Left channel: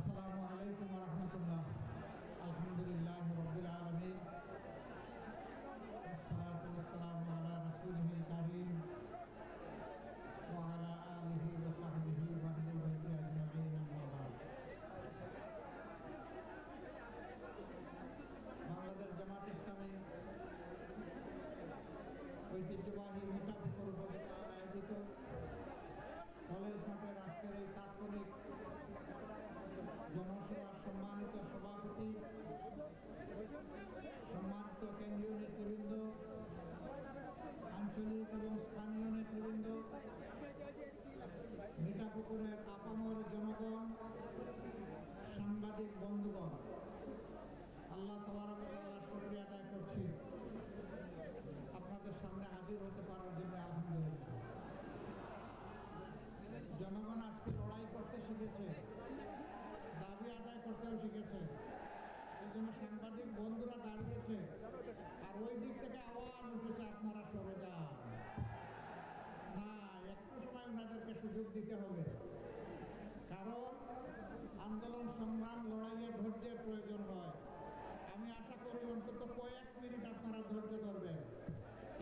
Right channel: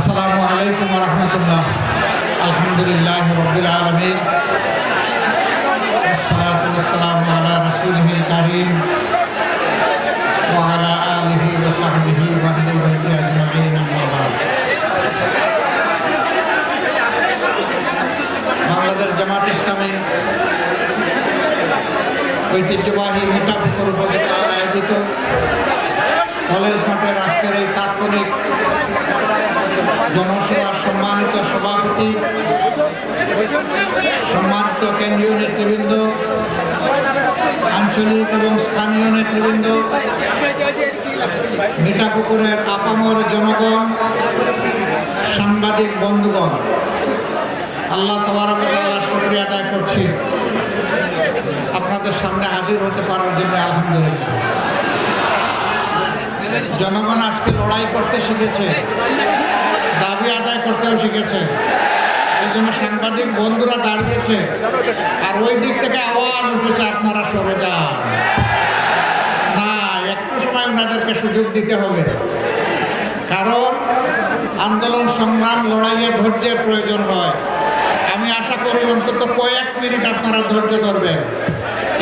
আসসালামু আলাইকুম রহমতুল্লাহ। আলহামদুলিল্লাহ রবিল আলমিন। আসসালাম আলা রসুলহিল করিম ওয়ালা আলহি ওসাহবিহি ওয়াহলি ভাইকে আজমাইন আহমাবাদ বাংলাদেশ জামাত ইসলামী ঐতিহ্যবাহী মিঠাপুকুর উপজেলা আয়োজিত কলেজ মাঠের আজকের এই তাৎক্ষণিক জনসভার সম্মানিত সভাপতি, সম্মানিত কেন্দ্রীয় নেতৃবৃন্দ, আঞ্চলিক এবং স্থানীয় নেতৃবৃন্দ, মিঠাপুকুরের আপামর জনগণ, সাংবাদিক বন্ধুগণ, আল্লাহ তবরকতালা শুক্রিয়া আদায় করছি। আপনাদের সামনে হাজির হতে পারার জন্য আলহামদুলিল্লাহ। জনগণ আজকে লড়াই করতে শিখেছে। দাবি আদায় করতেও শিখেছে। এই জন্য সাংবাদিক বন্ধুরা দাঁড়িয়েছে। আর ওই দিক থেকে আওয়াজ উঠেছে, আপনারা সরে যান। না একটু সময় ওনাদেরকে সুযোগ দিতে হবে। কারণ আন্দোলন, সংগ্রাম, লড়াইয়ে ধৈর্যের প্রয়োজন হয়। আমি আশা করি অন্তত কয়েক মিনিট আপনারা ধৈর্য ধরবেন।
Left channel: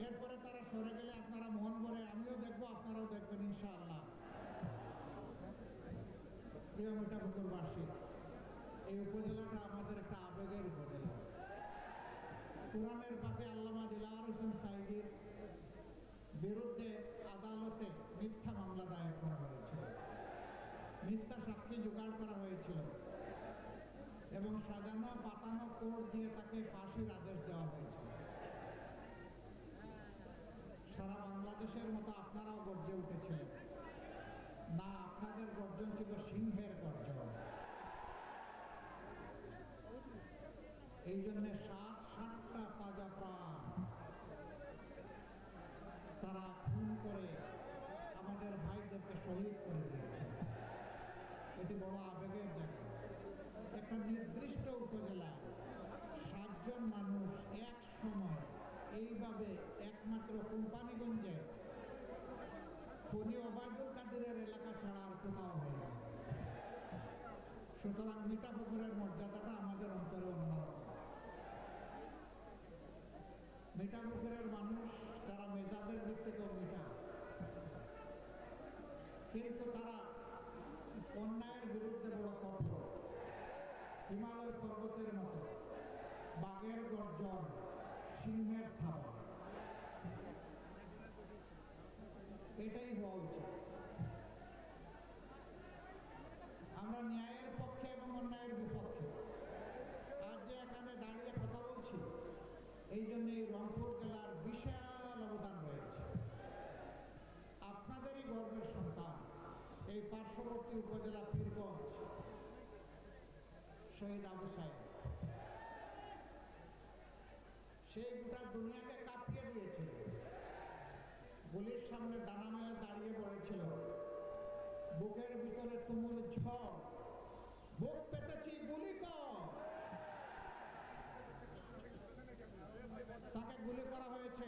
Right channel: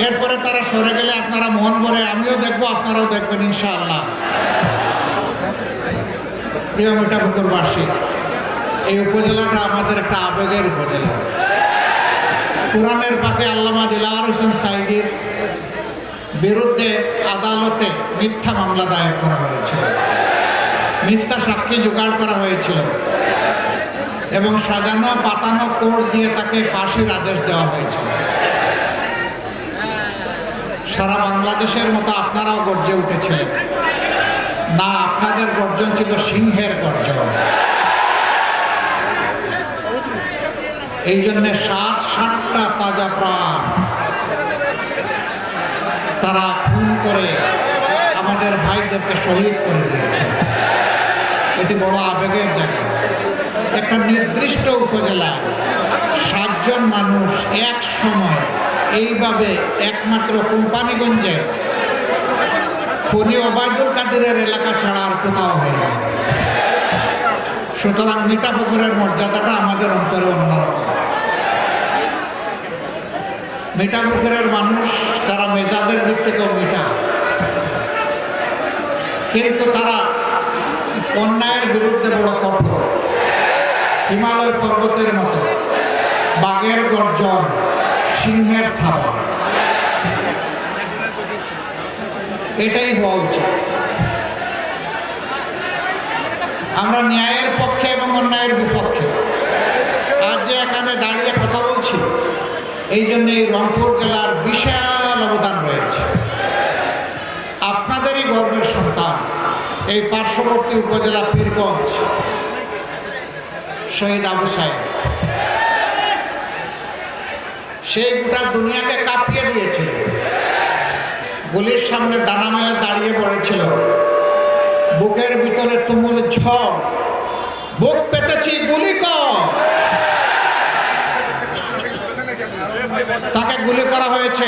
এরপরে তারা সরে গেলে আপনারা মন ভরে, আমিও দেখব, আপনারাও দেখবেন, ইনশাআল্লাহ। প্রিয় মিঠাপুকুরবাসী এই উপজেলাটা আমাদের একটা আবেগের উপজেলা। কোরআনের পাকে আল্লামা দিলার হোসেন সাইদির বিরুদ্ধে আদালতে মিথ্যা মামলা দায়ের করা হয়েছিল। মিথ্যা সাক্ষী জোগাড় করা হয়েছিল। এবং সাজানো পাতানো কোর্ট দিয়ে তাকে ফাঁসির আদেশ দেওয়া হয়েছিল। সারা বাংলাদেশের মতো আপনারাও গর্জে উঠেছিলেন। না, আপনাদের গর্জন ছিল সিংহের গর্জন। এই জন্য সাত, সাতটা তাজা প্রাণ তারা খুন করে আমাদের ভাইদেরকে শহীদ করে দিয়েছে। এটি বড় আবেগের জায়গা। একটা নির্দিষ্ট উপজেলায় সাতজন মানুষ এক সময় এইভাবে একমাত্র কোম্পানিগঞ্জের খনি ওবায়দুল কাদেরের এলাকা ছাড়া আর কোথাও হয়নি সুতরাং মিঠাপুকুরের মর্যাদাটা আমাদের অন্তরে অন্যরকম। মিঠাপুকুরের মানুষ তারা মেজাজের দিক থেকেও মিঠা। কিন্তু তারা অন্যায়ের বিরুদ্ধে বড় কঠোর। হিমালয় পর্বতের মতো। বাঘের গর্জন, সিংহের থাবা। এটাই হওয়া উচিত। আমরা ন্যায়ের পক্ষে এবং অন্যায়ের বিপক্ষে। আজ যে এখানে দাঁড়িয়ে এই জন্য এই রংপুর জেলার বিশাল অবদান রয়েছে। আপনাদেরই গর্বের সন্তান, এই পার্শ্ববর্তী উপজেলা পীরগঞ্জ, শহীদ আবু সাহেব সেই গোটা দুনিয়াকে কাঁপিয়ে দিয়েছিল। গুলির সামনে ডানা মেলে দাঁড়িয়ে পড়েছিল। বুকের ভিতরে তুমুল ঝড়। বুক পেতেছি গুলি কর। তাকে গুলি করা হয়েছে।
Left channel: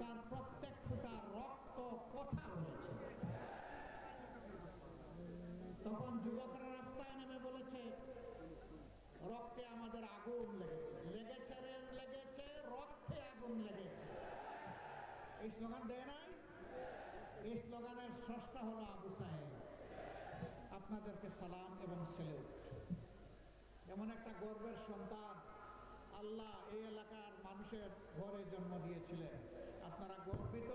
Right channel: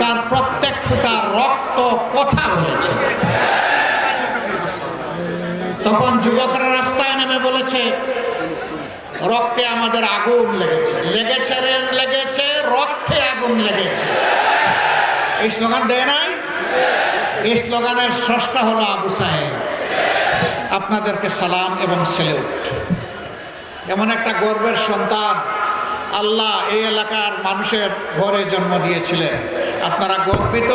তার প্রত্যেক ফুটা রক্ত কথা বলেছে। তখন যুবকরা রাস্তায় নেমে বলেছে, রক্তে আমাদের আগুন লেগেছে। লেগেছে রে, লেগেছে, রক্তে আগুন লেগেছে। এই স্লোগান দেয় নাই? এই স্লোগানের স্রষ্টা হলো আবু সাহেব। আপনাদেরকে সালাম এবং সেলিউট এমন একটা গর্বের সন্তান আল্লাহ এই এলাকার মানুষের ঘরে জন্ম দিয়েছিলেন। আপনারা গর্বিত,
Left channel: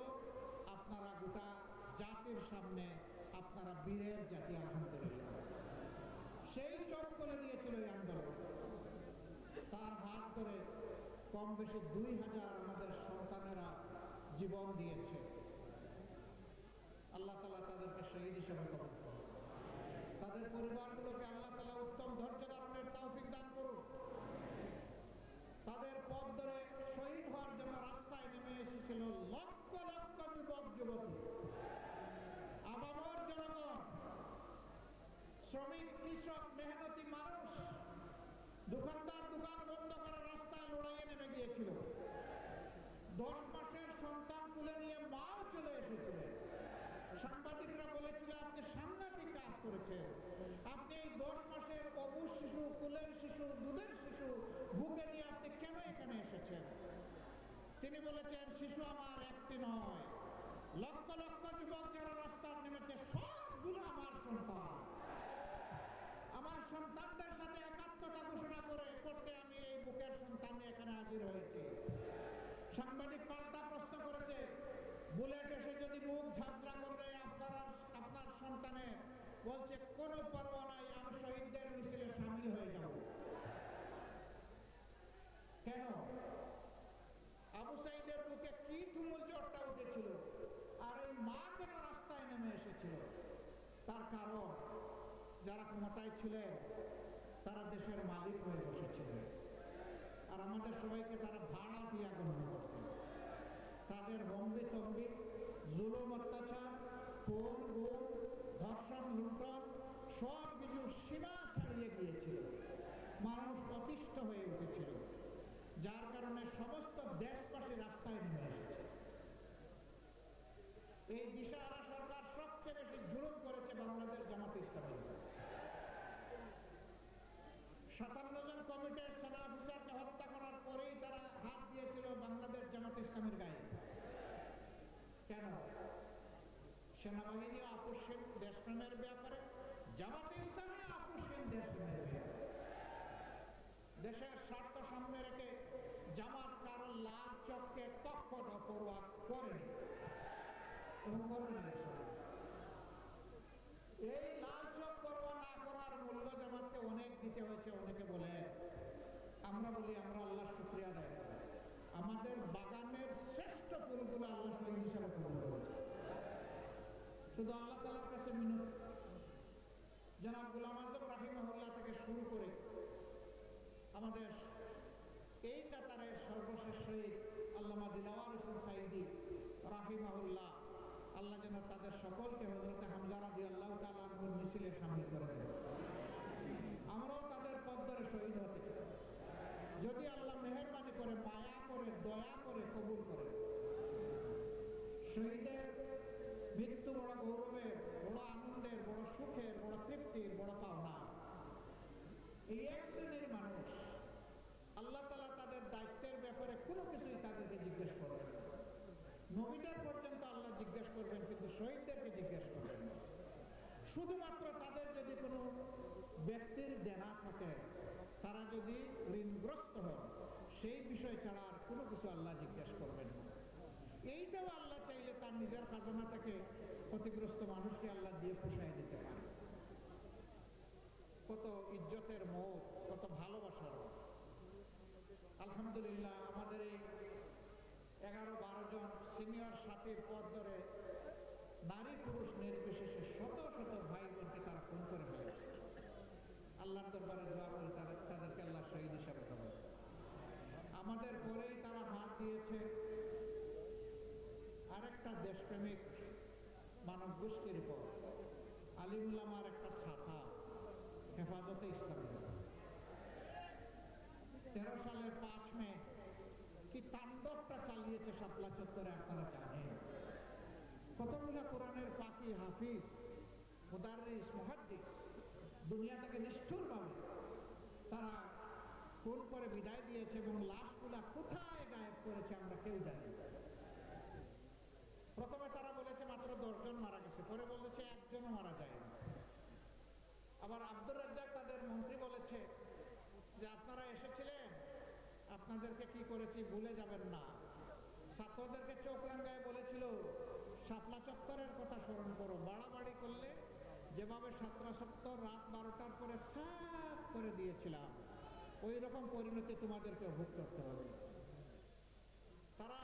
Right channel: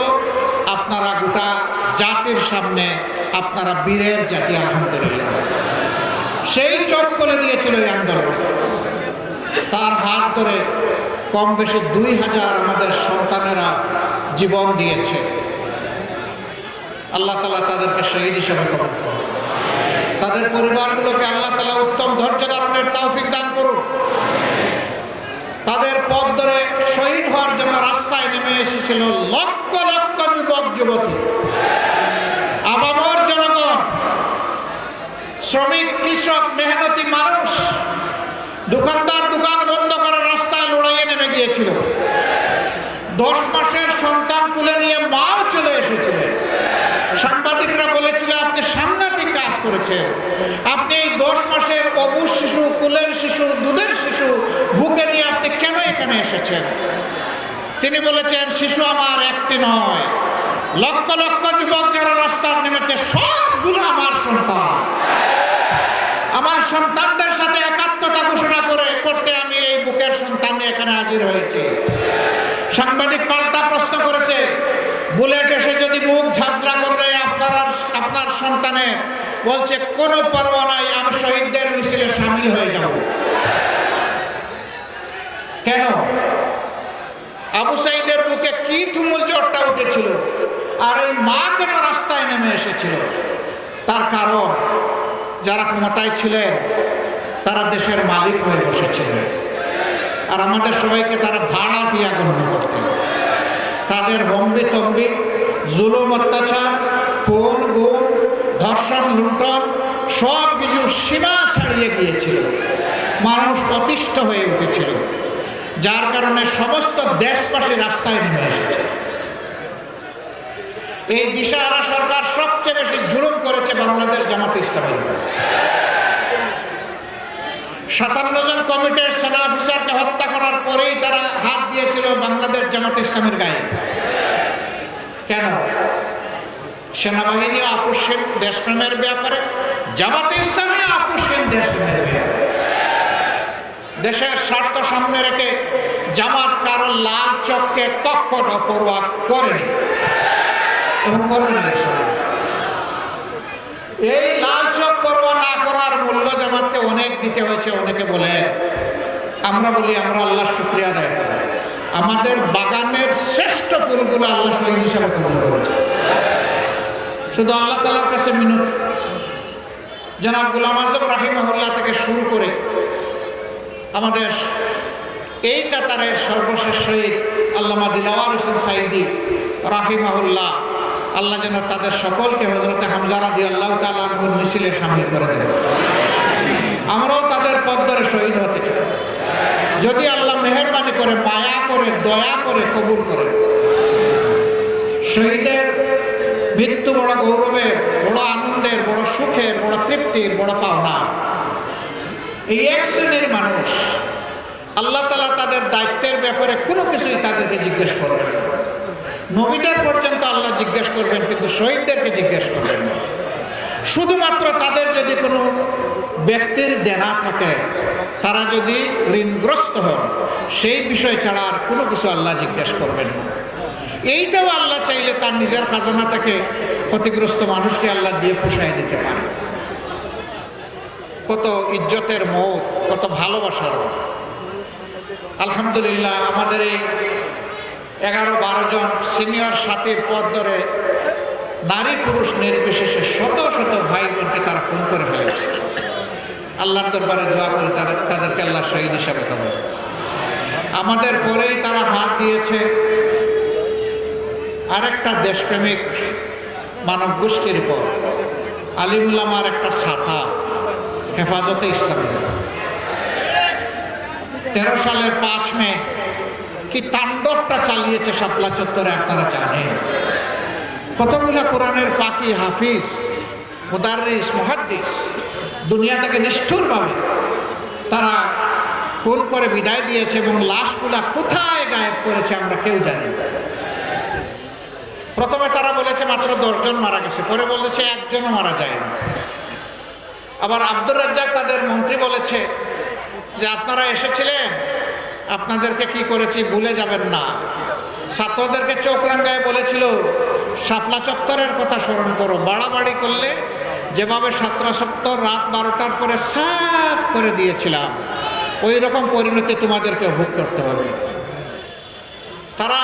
আপনারা গোটা জাতির সামনে আপনারা বীরের জাতি, আলহামদুলিল্লাহ। সেই চোখ করে দিয়েছিল এই আন্দোলন। তার হাত ধরে কম বেশি দুই হাজার আমাদের সন্তানেরা জীবন দিয়েছে। আল্লাহ তালা তাদেরকে শহীদ হিসেবে কবল করুন। তাদের পরিবারগুলোকে আল্লাহ তালা উত্তম ধৈর্য ধারণের তৌফিক দান করুন। তাদের পথ ধরে শহীদ হওয়ার জন্য রাস্তায় নেমে এসেছিল লক্ষ লক্ষ যুবক, যুবতী। আবামর জনগণ, শ্রমিক, কৃষক, মেহনতি মানুষ, দোকানদার দোকান বন্ধ করার রাস্তায় লড়াইয়ে নেমে গিয়েছিল। দশ মাসের সন্তান তুলে নিয়ে মাও চলে এসেছিলেন সাংবাদিকরা বলেছিল, আপনি সাংঘাতিক কাজ করেছেন। আপনি এই দশ মাসের এখানে এসেছেন? তিনি বলেছেন, শিশু আমার একটি নয়। লক্ষ লক্ষ যুবক যারা রাস্তার নেমেছে, সবগুলো আমার সন্তান। আমার সন্তানদের সাথে একাত্মতা ঘোষণা করে, করতে আমি এই বুকের সন্তান নিয়ে এখানে হাজির হয়েছি। সাংবাদিক পাল্টা প্রশ্ন করেছে, বুলেট এসে যদি বুক ঝাঁঝরা করে আপনার আপনার সন্তানের, বলছে, কোনো পরোয়া নাই, আমি শহীদদের মিছিলে সামিল হয়ে যাব। কেন? আবু সাইদের বুকে কি তুমুল জোরটা উঠেছিল? আর এই মা কেন রাস্তায় নেমে এসেছিল? তার কারণ, যারা ক্ষমতায় ছিলেন, তারা দেশের মালিক হয়ে বসেছিলেন। আর আমাদের সবাইকে তারা ভাড়া দিয়া গণ্য করতেন। তাদের হম্বি তম্বি, জুলুম, অত্যাচার, খুন গুণ ধর্ষণ, লুণ্ঠন, সব কিছু সীমা ছাড়িয়ে গিয়েছিল। মানুষ অতিষ্ঠ হয়ে উঠেছিল। যার কারণে সমস্ত দেশবাসী রাস্তায় নেমে এসেছে। এই দিশাহারা সরকার সবচেয়ে বেশি জুলুম করেছে বাংলাদেশ জামাত ইসলামের সাতান্ন জন কমিটির সেনা অফিসারকে হত্যা করার পরেই তারা হাত দিয়েছিল বাংলাদেশ জামাত ইসলামের গায়ে। কেন? সেনাবাহিনী আপোষহীন দেশপ্রেমের ব্যাপারে, জামাতে ইসলামী আপোষহীন দেশপ্রেমের ব্যাপারে। দেশের স্বার্থ সামনে রেখে জামাত কারও লাল চককে কক্ষটা পরোয়া করেনি। এবং এই লাল চক পরোয়া না করার মূল্য জামাতকে অনেক দিতে হয়েছে, অনেকে বলেন আমরা বলি, আমরা আল্লাহ শুক্রিয়া করি। আমাদের বাগানের শ্রেষ্ঠ ফুলগুলো আল্লাহ শহীদ হিসাবে কবুল করেছে। শুধু আল্লাহ তালার কাছে মিনতি। জনাব গুলাম আজম রাহিমহল্লা থেকে শুরু করে আমাদের এই কাতারের সর্বশেষ শহীদ আল্লামা দিলাওয়ার হোসেন সাইদি রাহিমাহুল্লাহ, আল্লাহ যেন তাদের সকলকে হজরতে হামজারা দিয়ে আল্লাহ তালুর মিছিলে সামিল করে দেন। আমরাও তাদের পথ ধরে শহীদ হতে চাই। যদি আল্লাহ মেহরবানি করে, মায়া করে, দয়া করে কবুল করে। শহীদের মৃত্যু বড় গৌরবের, বড় আনন্দের, বড় সুখের, বড় তৃপ্তির, বড় পাওনা এই এক শ্রেণির মানুষ, আল্লাহ তালা তাদের দায়িত্বের ব্যাপারে কোনো কিছুই তাদেরকে জিজ্ঞেস করবেন না। নবীদের পর্যন্ত আল্লাহ জিজ্ঞেস করবেন, কিন্তু শহীদদেরকে জিজ্ঞেস করবেন না। শুধুমাত্র তাদের যদি কোনো ব্যক্তির দেনা থাকে, তারা যদি ঋণগ্রস্ত হন, সেই বিষয় ছাড়া আর কোনো কিছু আল্লাহ জিজ্ঞেস করবেন না। এইটাও আল্লাহ চাইলে তার নিজের খাজানা থেকে ক্ষতিগ্রস্ত মানুষকে আল্লাহ দিয়ে পোষায় দিতে পারে। কত ইজ্জতের মত, কত ভালোবাসার আলহামদুলিল্লাহ, আমাদের এই এগারো বারো জন সিনিয়র সাথীর পদ ধরে নারী পুরুষ নির্বিশেষে শত শত ভাই বোনকে তারা খুন করে ফেলেছে। আল্লাহর দরবারে দোয়া করে তাদের, তাদেরকে আল্লাহ শহীদ হিসাবে করুন। আমাদের পরেই তারা হাত দিয়েছে আরেকটা দেশপ্রেমিক মানব গোষ্ঠীর উপর আলিমুল্লামার একটা ছাতা। হেফাজতে ইসলামী। তেরো সালের পাঁচ মে কি তাণ্ডবটা চালিয়েছে শাপলা চত্বরে আপনারা জানেন। কতগুলা কোরআনের পাকি হাফিজ মুদারিস মুহাদ্দিস দুনিয়া থেকে নিষ্ঠুরভাবে তারা খুন করে বিদায় দিয়েছে এবং লাশগুলা কোথায় গায়েব করেছে আমরা কেউ জানি না। প্রথমে তারা বলেছে মাত্র দশজন মারা গেছে, পরে বলেছে একজনও মারা যায়নি। আবার আব্দুর রাজ্জাক তাদের মন্ত্রী বলেছে যে আপনারা এসেছিলেন, আপনাদেরকে কি করেছি ভুলে যাবেন না। ছাত্রদেরকে চোখ রাঙ্গায় বলেছিল, শাপলা চত্বরের কথা স্মরণ করো, বাড়াবাড়ি করলে যেভাবে সাতরা সপ্তর রাত বারোটার পরে সাফ করে দিয়েছিলাম ওই রকম পরিণতি তোমাদেরকে ভোগ করতে হবে। তারা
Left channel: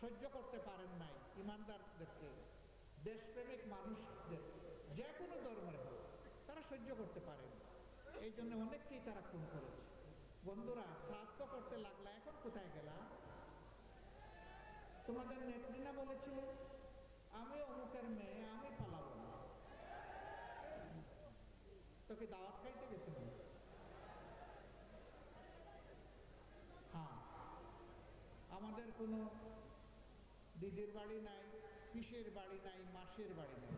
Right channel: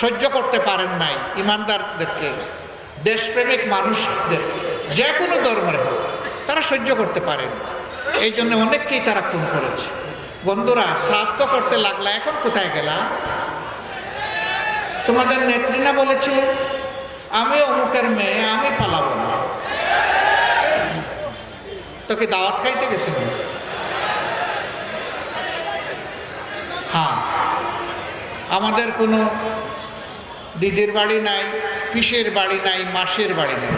সহ্য করতে পারেন নাই ইমানদারদেরকে, দেশপ্রেমিক মানুষদেরকে, যে কোনো ধর্মের হোক। তারা সহ্য করতে পারেন এই জন্য অনেককেই তারা খুন করেছে। বন্ধুরা, সাফ তো করতে লাগলা, এখন কোথায় গেলা? তোমাদের নেত্রী না বলেছিলেন আমি অমুকের মেয়ে, আমি পালাবো না। তোকে দাওয়াত খাইতে গেছেন হ্যাঁ। আমাদের কোনো দিদির বাড়ি নাই, পিসের বাড়ি নাই, মাসের বাড়ি নাই।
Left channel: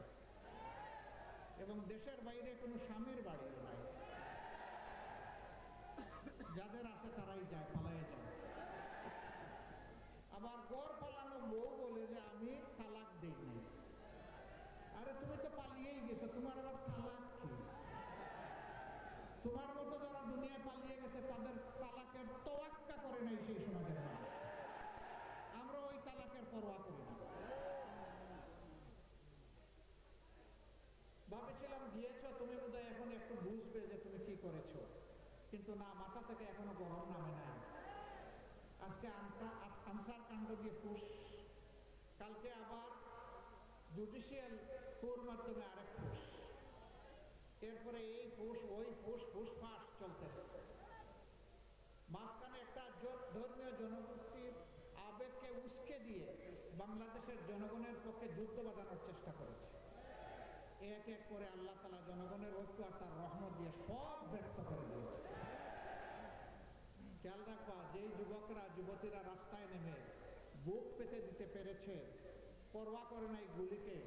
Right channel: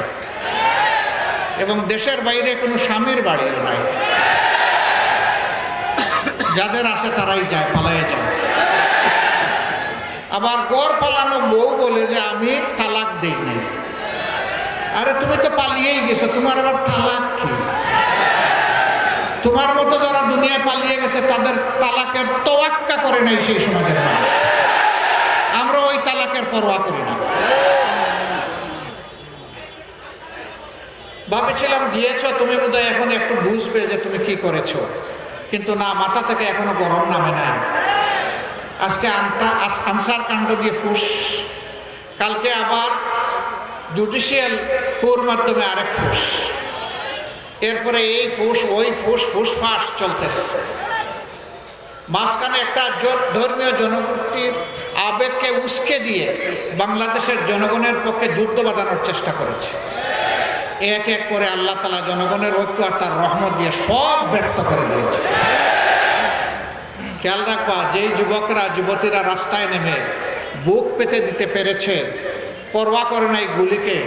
এবং দেশের বাইরে কোনো স্বামীর বাড়িও নাই। যাদের আছে তারাই যায় পালায়ে যায়। আবার গড় পালানো বউ বলে যে, আমি তালাক দেই নাই। আরে, তুমি তো পালিয়েই গেছো, তোমার আবার তালাক কি? তোমার মতো যারা দুনিয়ায় পালিয়ে গেছে, তাদের তালাকের তোয়াক্কা করে নাই সেই সমাজের মানুষ। আমরা ওই তালাকের পরোয়া করি না। ভাবেছিলাম গিয়েছো, তুমি বোধহয় এখন একটু বুঝবে যে তুমি কি করেছ। কিন্তু না, মাথা থেকে এখনও গরম নামে নাই। আজকে আনটা আনসার কাণ্ড দিয়ে ফুস। কালকে আবার জুডিশিয়াল কোর মাধ্যমে আরেক ফুস। এরপরে এই ফুস, ওই ফুস ফুস ফাঁস চলতেছে। মাঝখানে একটা ধর্মীয় জনগোষ্ঠীর আবেগকে উস্কে দিয়ে বাংলাদেশের জনগণের পক্ষে যুদ্ধ বাঁধানোর চেষ্টা করেছে। এক এক করে আল্লাহ তালা জনগণের ঐক্য আর তার রহমত দিয়ে সব ব্যর্থ করে দিয়েছে। খেয়াল রাখবা, যেই যুবকরা, যুবতীরা রাস্তায় নেমে বুক পেতে দিতে পেরেছে, পরোয়া করে নাই গুলিকে,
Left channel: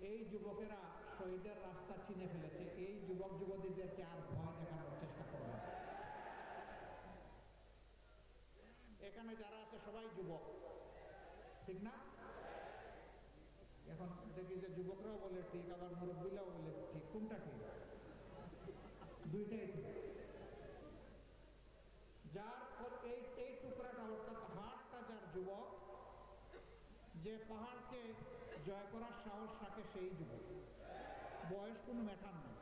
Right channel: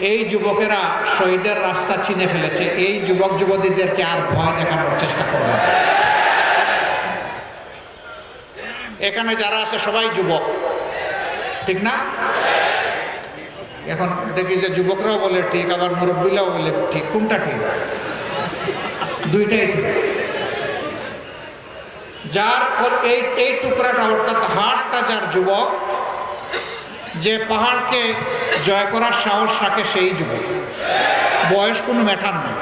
এই যুবকেরা শহীদের রাস্তা চিনে ফেলেছে। এই যুবক, যুবতীদেরকে আর ভয় দেখানোর চেষ্টা করবে। এখানে যারা আছে, সবাই যুবক। ঠিক না? এখন দেখি যে যুবকরাও বলে ঠিক, আবার মুরব্বীরাও বলে ঠিক। কোনটা ঠিক? দুইটাই ঠিক। যার এই এই টুকরাটা, অর্থাৎ হাড়টা যার যুবক, যে পাহাড়কে জয় করার সাহস রাখে সেই যুবক। বয়স কোনো ম্যাটার না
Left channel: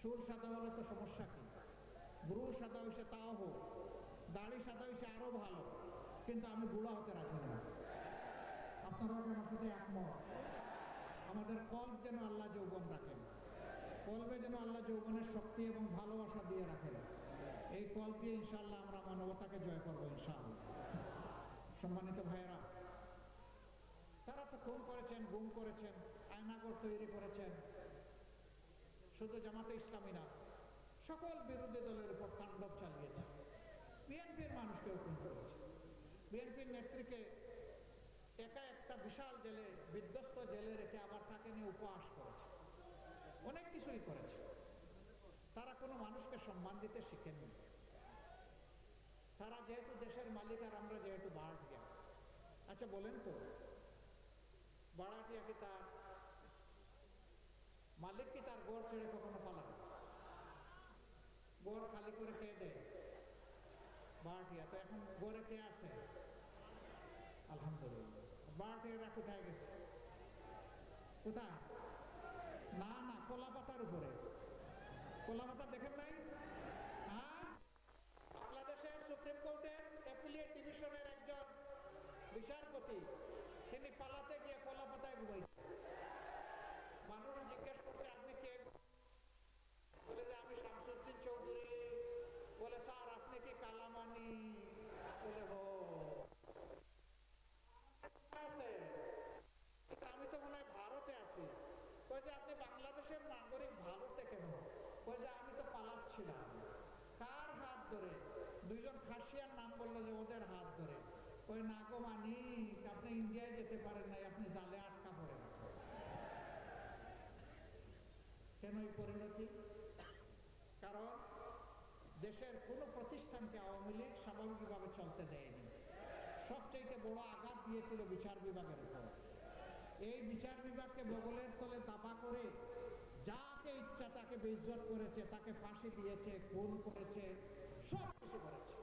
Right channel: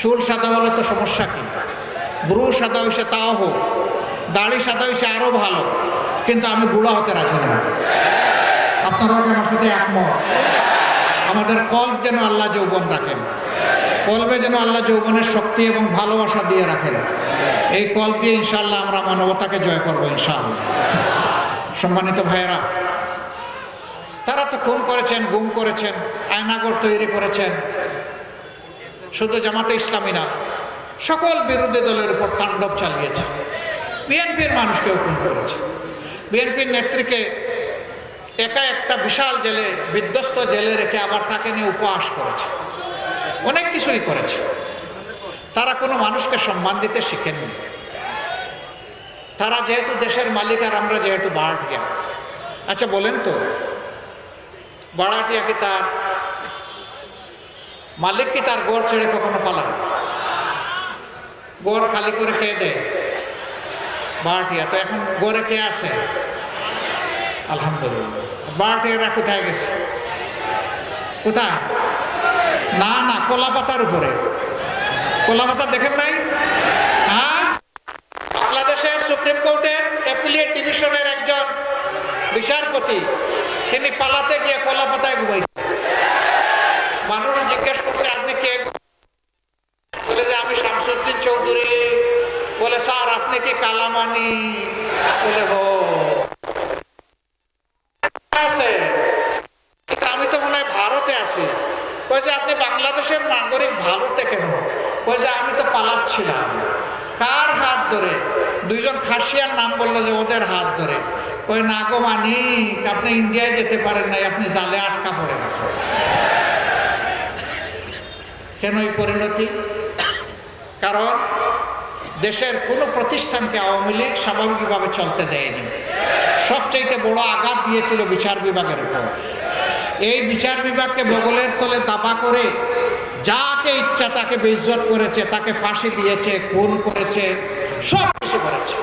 চুল সাদা হলে তো সমস্যা কি? ব্রু সাদা হয়েছে তাও হোক, দাড়ি সাদা হয়েছে আরও ভালো, কিন্তু আমি বুড়া হতে রাখি না আপনারাও কি আমার সাথে একমত। আমাদের কল্প যেন আল্লাহ যৌবন রাখেন। কল্পে যেন আল্লাহ যৌবনের শক্তি এবং ভালোবাসা দিয়ে রাখেন। এই কল্প ইনশাল্লাহ আমরা মানবতাকে জয় করব ইনশাআল্লাহ। সম্মানিত ভাইয়েরা, তারা তো খুন করেছেন, গুম করেছেন, আয়নাগর তৈরি করেছেন। শুধু জামাতে ইসলামী না, সকল বিরোধী দলের উপর তাণ্ডব চালিয়েছে। বিএনপির মানুষকেও খুন করেছে। বিএনপির নেত্রীকে একা একটা বিশাল জেলে, বিধ্বস্ত জেলে রেখে আবার তাকে নিয়ে উপহাস করেছে। অনেক কিছুই করেছে। তারা কোনো মানুষকে সম্মান দিতে শিখেননি। তারা যেহেতু দেশের মালিক আর আমরা যেহেতু বাড়াটিয়া আচ্ছা বলেন তো বাড়াটিয়া কি তার মালিক কি তার গড় ছেড়ে কখনো পালায়? গড় খালি করে কে দেয়? বাড়াটিয়া তো এখন গড়ে কে আছে? আলহামদুলিল্লাহ। বারোটিয়ারা কোথায় গেছে? কোথায়? না না কলা পাতার উপরে। কলা পাতা দেখেন নাই? হ্যাঁ? বাংলাদেশের সুপ্রিম কোর্টের অ্যাপিলিয়েট ডিভিশনের একজন বিচারপতি, তিনি পালাতে গিয়ে কলা পাতায় ঘুমাইছে। মানুষ জিজ্ঞেস করছে, আপনি কে গো?" বলে যে, আমি শামসুদ্দিন চৌধুরী। বলে, স্যার, আপনি কি কালামানি? বলে, হো আছে কিন্তু আমি তো মনে হয় ভারতে আছি কই যে আপনি বাংলাদেশের নাগরিক ভারতে কেন কই যে আমি তো পালাচ্ছিলাম কার হাত ধরে দুইজন খাসিয়ার নাম বলল যে ওদের হাত ধরে কই না গো মানিক আপনি ইন্ডিয়ায় যেতে পারেন নাই, আপনি জালে আটকা পড়ে গেছেন। কেন এই পরিণতি? কারণ দেশের কোনো প্রতিষ্ঠানকে আওয়ামী লীগ স্বাভাবিকভাবে চলতে দেয়নি। সবচাইতে বড় আঘাত দিয়েছিল বিচার বিভাগের উপর। এই বিচার বিভাগকে বগলের তলে দাবা করে যাকে ইচ্ছা তাকে বেইজ্জত করেছে, তাকে ফাঁসি দিয়েছে, খুন করেছে, সব কিছু করেছে।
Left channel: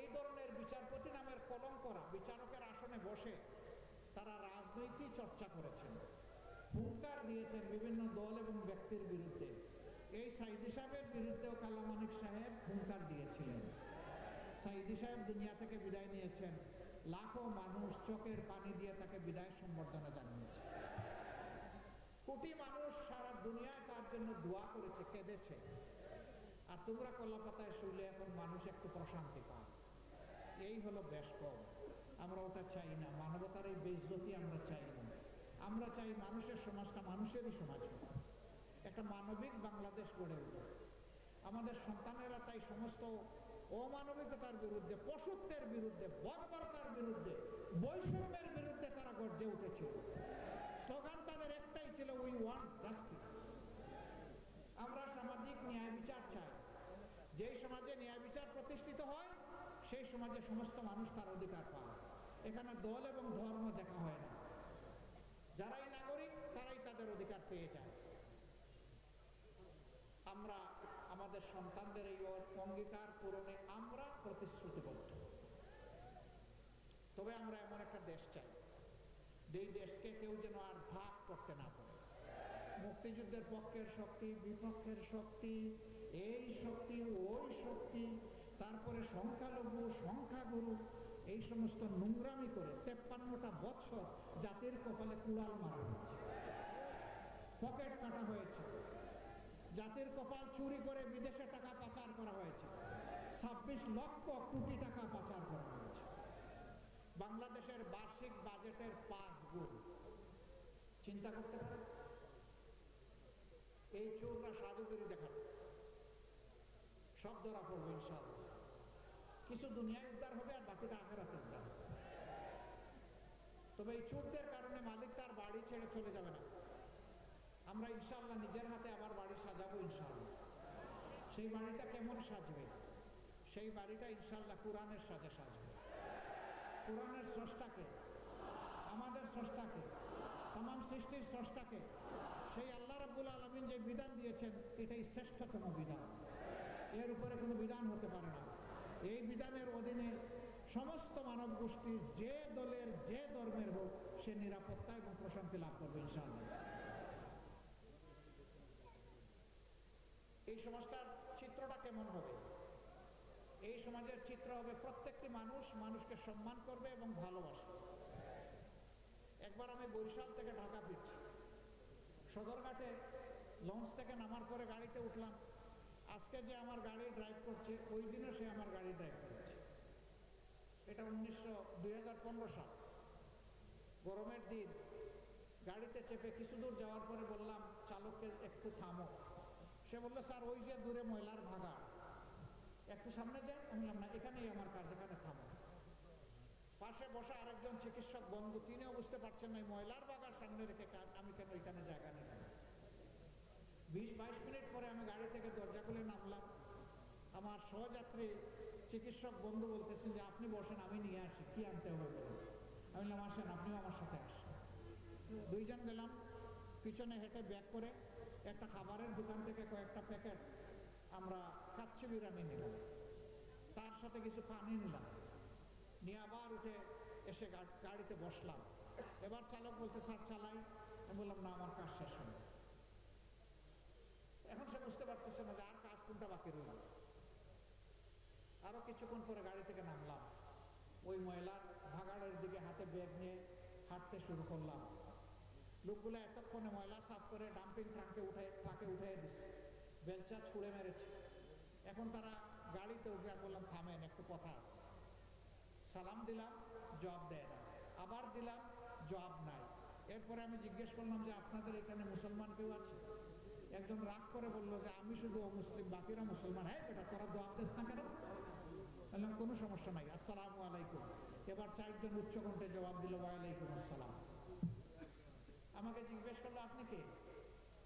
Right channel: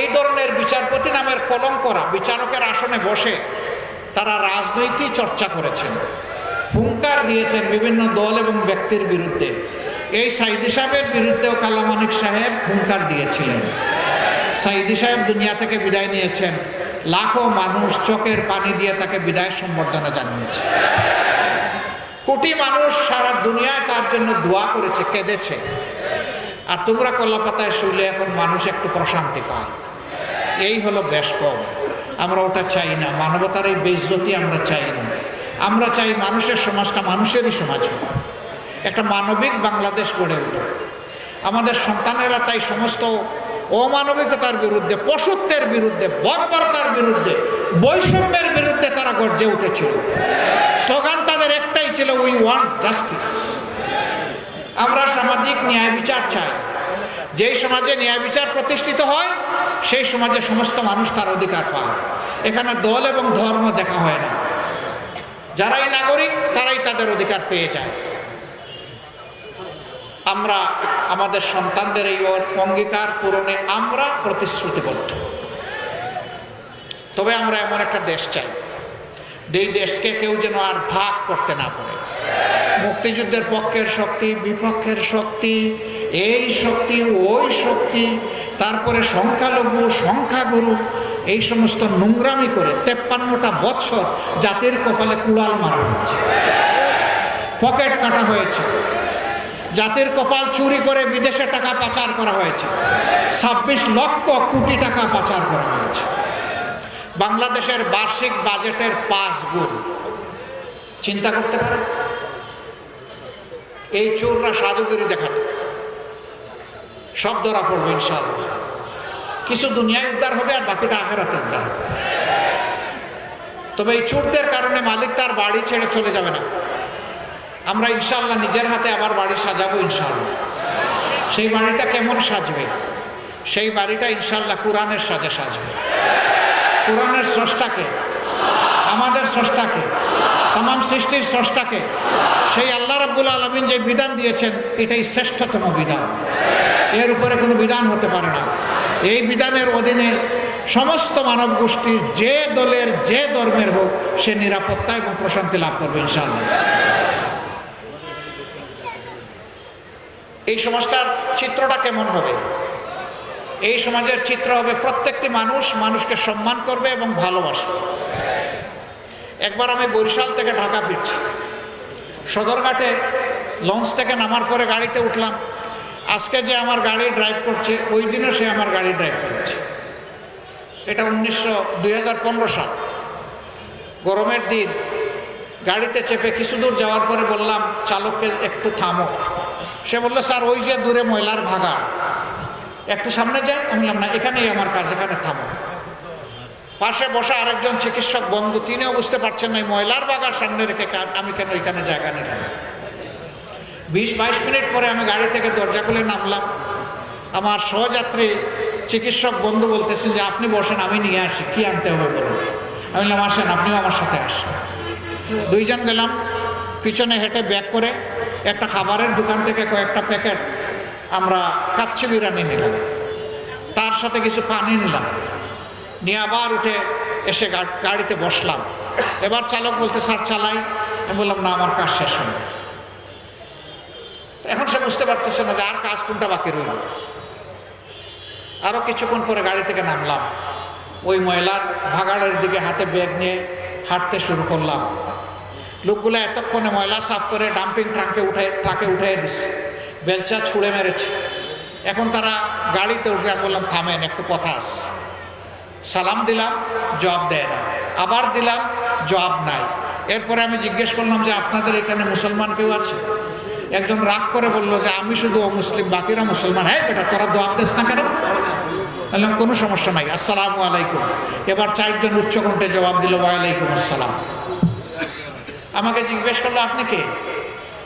এই ধরনের বিচারপতি নামের কলঙ্করা বিচারকের আসনে বসে তারা রাজনৈতিক চর্চা করেছেন, হুঙ্কার দিয়েছেন বিভিন্ন দল এবং ব্যক্তির বিরুদ্ধে। এই সাইদি সাহেবের বিরুদ্ধেও কালামানিক সাহেব হুঙ্কার দিয়েছিলেন। সাইদি সাহেব দুনিয়া থেকে বিদায় নিয়েছেন। লাখো মানুষ চোখের পানি দিয়ে তাকে বিদায় সম্বর্ধনা জানিয়েছে। কোটি মানুষ সারা দুনিয়ায় তার জন্য দোয়া করেছে, কেঁদেছে। আর তোমরা কলাপাতায় শুলে এখন মানুষ একটু প্রশান্তি পায়। এই হলো বেশ কম আমরা ওটা চাই না। মানবতার এই বেইজ্জতি আমরা চাই না। আমরা চাই মানুষের সমাজটা মানুষেরই সমাজ হোক। একটা মানবিক বাংলাদেশ গড়ে উঠুক। আমাদের সন্তানেরা তাই সমস্ত অমানবিকতার বিরুদ্ধে, পশুত্বের বিরুদ্ধে বর্বরতার বিরুদ্ধে, বৈষম্যের বিরুদ্ধে তারা গর্জে উঠেছিল। স্লোগান তাদের একটাই ছিল উই ওয়ান্ট জাস্টিস আমরা সামাজিক ন্যায় বিচার চাই। যেই সমাজে ন্যায় বিচার প্রতিষ্ঠিত হয়, সেই সমাজে সমস্ত মানুষ তার অধিকার পায়। এখানে দল এবং ধর্ম দেখা হয় না। যারাই নাগরিক, তারাই তাদের অধিকার পেয়ে যায়। আমরা, আমাদের সন্তানদের এই অঙ্গীকার পূরণে আমরা প্রতিশ্রুতিবদ্ধ। তবে আমরা এমন একটা দেশ চাই। যেই দেশকে কেউ যেন আর ভাগ করতে না পারে। মুক্তিযুদ্ধের পক্ষের শক্তি, বিপক্ষের শক্তি, এই শক্তি, ওই শক্তি, তারপরে সংখ্যালঘু, সংখ্যাগুরু, এই সমস্ত নোংরামি করে তেপ্পান্নটা বৎসর জাতির কপালে কুড়াল মারা হয়েছে। পকেট কাটা হয়েছে। জাতির কপাল চুরি করে বিদেশে টাকা পাচার করা হয়েছে। ছাব্বিশ লক্ষ কোটি টাকা পাচার করা হয়েছে। বাংলাদেশের বার্ষিক বাজেটের পাঁচ গুণ। চিন্তা করতে পারে এই চোররা সাধুগিরি দেখাত। সব ধরা পড়বে ইনশাল্লাহ কিছু দুনিয়ায় উদ্ধার হবে আর বাকিটা আখেরাতে উদ্ধার হবে। তবে এই চোরদের কারণে মালিক তার বাড়ি ছেড়ে চলে যাবে না। আমরা ইনশাল্লাহ নিজের হাতে আবার বাড়ি সাজাবো ইনশাল্লাহ সেই বাড়িটা কেমন সাজবে? সেই বাড়িটা ইনশাল্লাহ কোরআনের সাজে সাজবে। কোরআনের স্রষ্টাকে? আমাদের স্রষ্টাকে? তাম সৃষ্টির স্রষ্টাকে। সেই আল্লাহ রাব্বুল আলমিন যে বিধান দিয়েছেন, এটাই শ্রেষ্ঠতম বিধান। এর উপরে কোনো বিধান হতে পারে না। এই বিধানের অধীনে সমস্ত মানব গোষ্ঠীর যে দলের, যে ধর্মের হোক, সে নিরাপত্তা এবং প্রশান্তি লাভ করবে, ইনশাআল্লাহ। এই সমাজটার চিত্রটা কেমন হবে? এই সমাজের চিত্র হবে, প্রত্যেকটি মানুষ মানুষকে সম্মান করবে এবং ভালোবাসবে। একবার আমি বরিশাল থেকে ঢাকা ফিরছি। সদরঘাটে লঞ্চ থেকে নামার পরে গাড়িতে উঠলাম। আজকে যে আমার গাড়ি ড্রাইভ করছে, ওই দিনও সে আমার গাড়ি ড্রাইভ করেছে। এটা উনিশশো, দুই সাল। গরমের দিন, গাড়িতে চেপে কিছু দূর যাওয়ার পরে বললাম, চালককে একটু থামো। সে বলল, স্যার, ওই যে দূরে ময়লার ভাগা একটু সামনে যায় আমি বললাম, না, এখানেই আমার কাজ, এখানে থামো। পাশে বসা আরেকজন চিকিৎসক বন্ধু, তিনিও বুঝতে পারছেন না ময়লার বাগার সামনে রেখে আমি কেন এখানে জায়গা নিলাম। বিশ বাইশ মিনিট পরে আমি গাড়ি থেকে দরজা খুলে নামলাম। আমার সহযাত্রী চিকিৎসক বন্ধু বলতেছেন যে, আপনি বসেন, আমি নিয়ে আসি, কি আনতে হবে বলুন? আমি বললাম, আসেন, আপনিও আমার সাথে আসেন। দুইজন গেলাম, পিছনে হেঁটে ব্যাক করে একটা খাবারের দোকান থেকে কয়েকটা প্যাকেট আমরা কাচ্চি বিরিয়ানি নিলাম। তার সাথে কিছু পানি নিলাম। নিয়ে আবার উঠে এসে গাড়িতে বসলাম। এবার চালক বলতে, স্যার, চালাই। আমি বললাম, না, আমার কাজ শেষ হয়নি। এখন সে বুঝতে পারতেছে না যে আর কাজ কোনটা বাকি রইল। আরও কিছুক্ষণ পরে গাড়ি থেকে নামলাম। ওই ময়লার ভাগাড়ের দিকে হাতে ব্যাগ নিয়ে হাঁটতে শুরু করলাম। লোকগুলো এতক্ষণে ময়লা সাফ করে ডাম্পিং ট্রাঙ্কে উঠে, ট্রাকে উঠিয়ে দিচ্ছে। বেলচা ছুঁড়ে মেরেছে। এখন তারা গাড়িতে উঠে আমি বললাম, থামেন, একটু কথা আস সালাম দিলাম, জবাব দেয় না। আবার দিলাম, জবাব নাই। এরপরে আমি জিজ্ঞেস করলাম যে, আপনাদের এখানে মুসলমান কেউ আছে? একজন রাগ করে বলল যে, আমি শুধু ও মুসলিম বাকিরা মুসলমান। হ্যাঁ বেটা, তোরা জবাব দিস না কেন? বললাম, কোনো সমস্যা নাই। আসসালামু আলাইকুম। এবার চারজন উচ্চকণ্ঠে জবাব দিল, ওয়ালাইকুম আসসালাম। আমাকে জিজ্ঞেস করল, আপনি কে?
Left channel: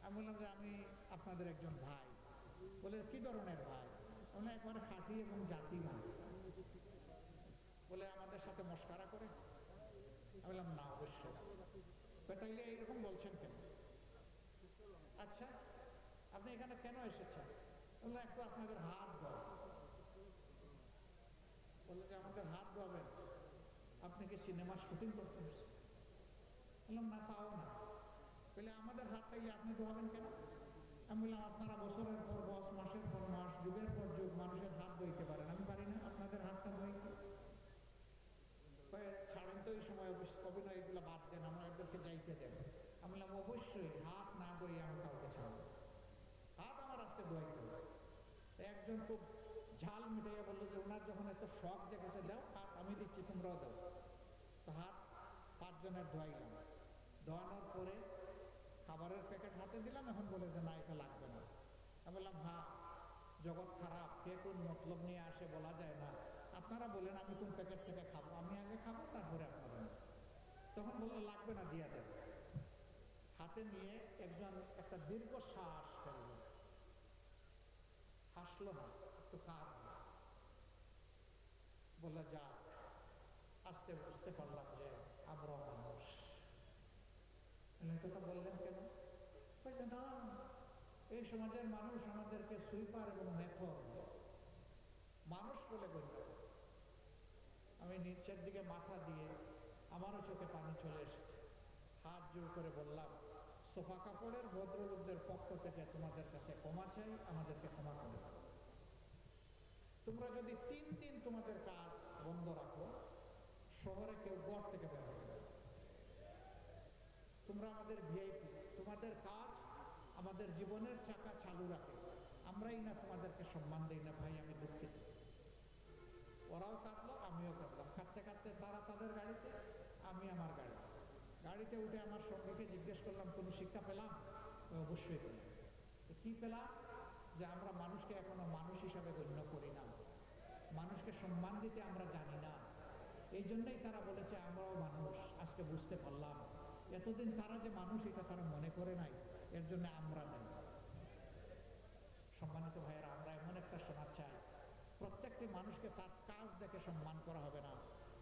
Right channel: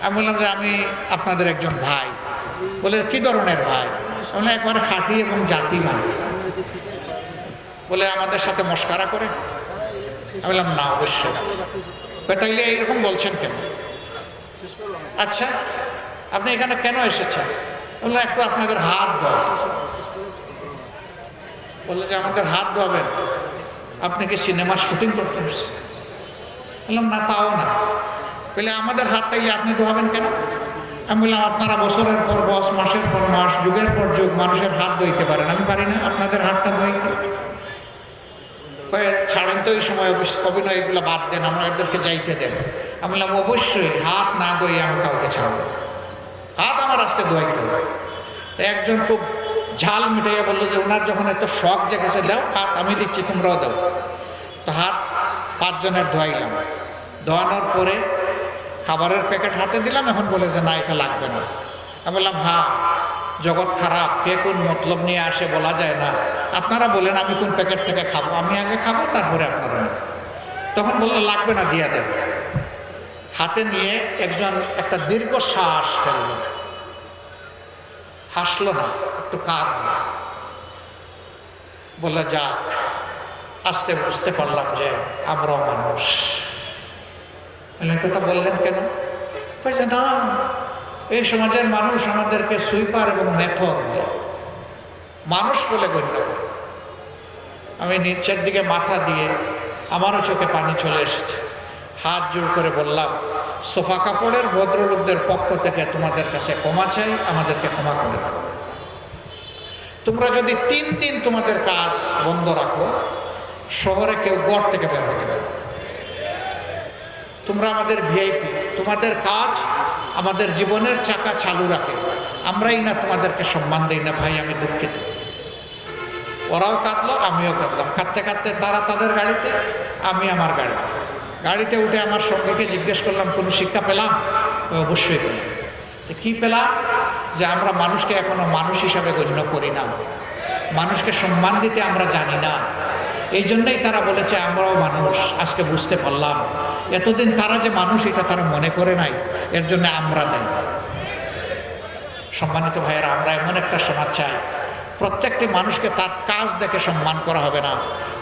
আমি বললাম যে, আমি আপনাদের একজন ভাই। বলে, কি ধরনের ভাই? আমি একবারে খাঁটি এবং জাতি ভাই। বলে আমাদের সাথে মস্কারা করে। আমি বললাম, না, অবশ্যই তাইলে এইরকম বলছেন কেন? আচ্ছা আপনি এখানে কেন এসেছেন? বললাম, একটু আপনাদের হাত ধর বলল যে, আমাদের হাত ধোয়াবেন। আপনি কি সিনেমার শুটিং করতে আসছেন বললাম, না, তাও না। বলে, আমাদের হাত তাইলে আপনি ধোয়াবেন কেন? আমি বললাম, আপনারা বছরের পর বছর মাসের পর মাস, যুগের পর যুগ মানুষের হাত ধুইতে পারেন। আমি পারি না আপনাদের হাতটা কয়ে ছাড়েন তো ওই সময় অভিনয় এগুলো বাদ দেন আমাদেরকে যাইতে দেন। আমি বললাম, অবশ্যই, হাত না দই আমি কাউকে ছাড়বো। হাত আমার আজকে ধোয়াইতে হবে। তো একজন খুব ঝাল মিটাইয়া বলল যে ওনার যখন এত শখ জেগেছে দাও, হাত আমি দিচ্ছি, তোমরাও দাও। তো হাত পাঁচজনের ধোয়াইলাম। ধোয়ানোর পরে খাবারের প্যাকেট হাতে দিলাম, এখন বলে যে, না, এটা লাগবে না। আমি বললাম হ্যাঁ। জগৎ খারাপ, কে কোন মতলব নিয়ে আসে বলা যায় না। আপনারা বলেন, আমি কোন প্যাকেট থেকে খাব? আমি আগে খাব, তারপরে আপনারা নেন তখন বলল, লাগবে না, দিয়ে দেন। হাতে নিয়ে একজন, একটা দীর্ঘ শ্বাস ফেলল। হাসলো না, একটু কাঁদলো। বলে যাক, আস্তে বুঝতে পারলাম যে আমরাও মানুষ। কথা বললেন কেন? না এই সমাজের মানুষ আমাদেরকে সুইপার এবং মেথর বলে। মানুষ বলে গণ্য করে। আমি নিচের দিকে মাথা দিয়ে আমারও চোখে পানি চলে এসেছে। হাত জোর করে বললাম, সোফা কাপড়ের ভদ্রলোকদের পক্ষ থেকে তোমাদের কাছে ক্ষমা চাই, আমাদেরকে ক্ষমা করে দাও। তোমরা যদি তিন দিন তোমাদের কাজ বন্ধ রাখো, শহরে কেউ গড় থেকে বের হতে পারবে তোমরা আমাদের ভিআইপি, তোমাদের কাজ আমাদের জীবনের চাকা চালু রাখে। আমরাই না তোমাদেরকে সম্মান দিই না, ভাই, আমি দুঃখিত। ওরাও কাঁদলো, আমিও কাঁদলাম। কাঁদতে কাঁদতে তারা তাদের গাড়িতে, আমি আমার গাড়িতে। গাড়িতে উঠে আমার সঙ্গীকে জিজ্ঞেস করলাম, কোনো শিক্ষা পেলাম? অবশ্যই পেলাম। যে, কী পেলাম? যে, আমরা মানুষকে এখনও মানুষ হিসাবে গণ্য করি না। মানুষকে সম্মান দিতে আমরা জানি না। এই জন্যই তারা বলেছে, আমরাও মানুষ, আজকে বুঝতে পারলাম এতদিন তারা যে মানুষ, এটা তারা মনে করে নাই। এর জন্য আমরা দেয়। সম্মানিত ভাইয়েরা, আমরা এমন একটা সমাজ চাই। প্রত্যেকটি মানুষকে তার কাজ দেখে সম্মান করা হবে না।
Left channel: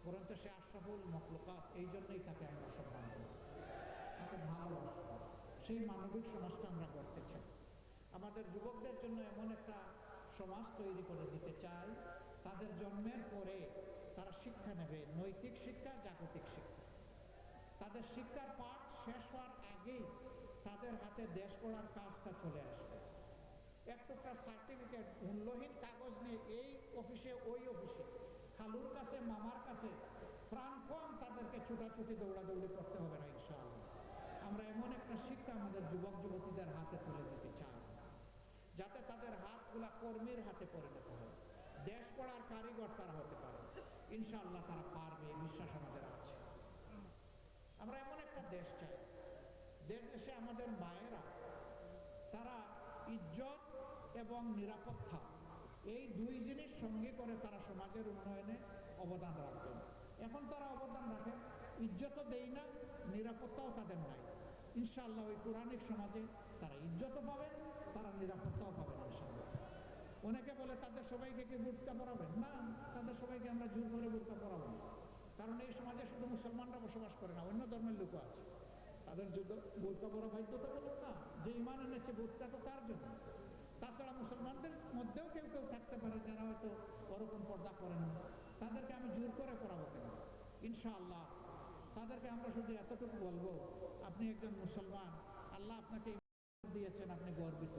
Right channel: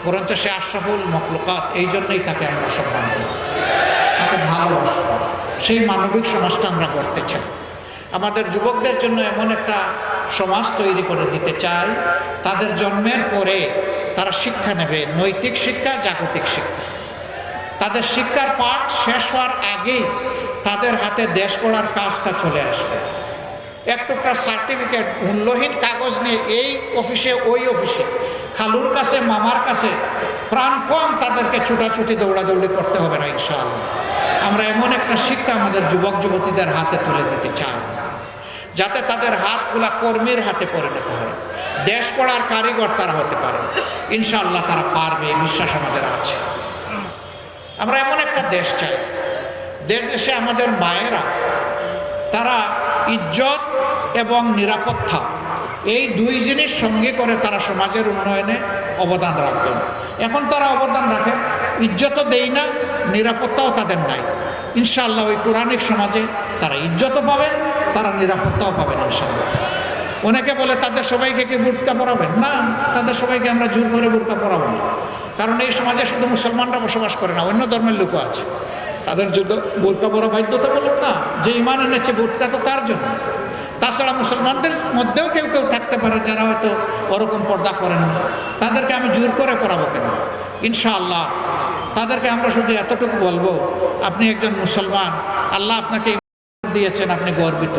বরঞ্চ সে আশরাফুল মখলুকাত, এই জন্যই তাকে আমরা সম্মান করি। তাকে ভালোবাসব সেই মানবিক সমাজটা আমরা গড়তে চাই। আমাদের যুবকদের জন্য এমন একটা সমাজ তৈরি করে দিতে চাই। তাদের জন্মের পরে তারা শিক্ষা নেবে, নৈতিক শিক্ষা, জাগতিক শিক্ষা। তাদের শিক্ষার পাঠ শেষ হওয়ার আগেই তাদের হাতে দেশ গড়ার কাজটা চলে আসবে। এক টুকরা সার্টিফিকেট, মূল্যহীন কাগজ নিয়ে এই অফিসে, ওই অফিসে, খালুর কাছে, মামার কাছে প্রাণপণ তাদেরকে ছুটাছুটি, দৌড়াদৌড়ি করতে হবে না ইনশাআল্লাহ। আমরা এমন একটা শিক্ষা আমাদের যুবক, যুবতীদের হাতে তুলে দিতে চাই, যাতে তাদের হাতগুলা কর্মীর হাতে পরিণত হয়। দেশ করার কারিগর তারা হতে পারে। ইনশাআল্লাহ তারা পারবে বিশ্বাস আমাদের আছে। আমরা এমন একটা দেশ চাই। দেশ দেশে আমাদের মায়েরা, তারা ইজ্জত এবং নিরাপত্তা, এই দুই জিনিস সঙ্গে করে তারা সমাজের উন্নয়নে অবদান রাখবেন। এখন তারা অবদান রাখেন ইজ্জতও দেই না, নিরাপত্তাও তাদের নাই। ইনশাআল্লাহ ওই কোরআনিক সমাজে তারা ইজ্জতও পাবেন, তারা নিরাপত্তাও পাবেন ইনশাআল্লাহ। অনেকে বলে, তাদের সবাইকে কি বুটকা পরাবেন? না, তাদের সবাইকে আমরা জোর করে বুটকা পরাবো না। কারণ এই সমাজে শুধু মুসলমানরা বসবাস করে না, অন্য ধর্মের লোকও আছে। তাদের জন্য বোরকা পরা বাধ্যতামূলক না, যে ইমান এনেছে বোরকা তো তার জন্য। তাছাড়া মুসলমানদের মধ্যেও কেউ কেউ থাকতে পারে যারা হয়তো ওরকম পর্দা করেন না। তাদেরকে আমি জোর করে পড়াবো কেন? ইনশাআল্লাহ, তাদেরকে আমরা শুধু এতটুকু বলব, আপনি একজন মুসলমান, আল্লাহ আপনাকে দিয়েছেন, আপনি গর্বিত।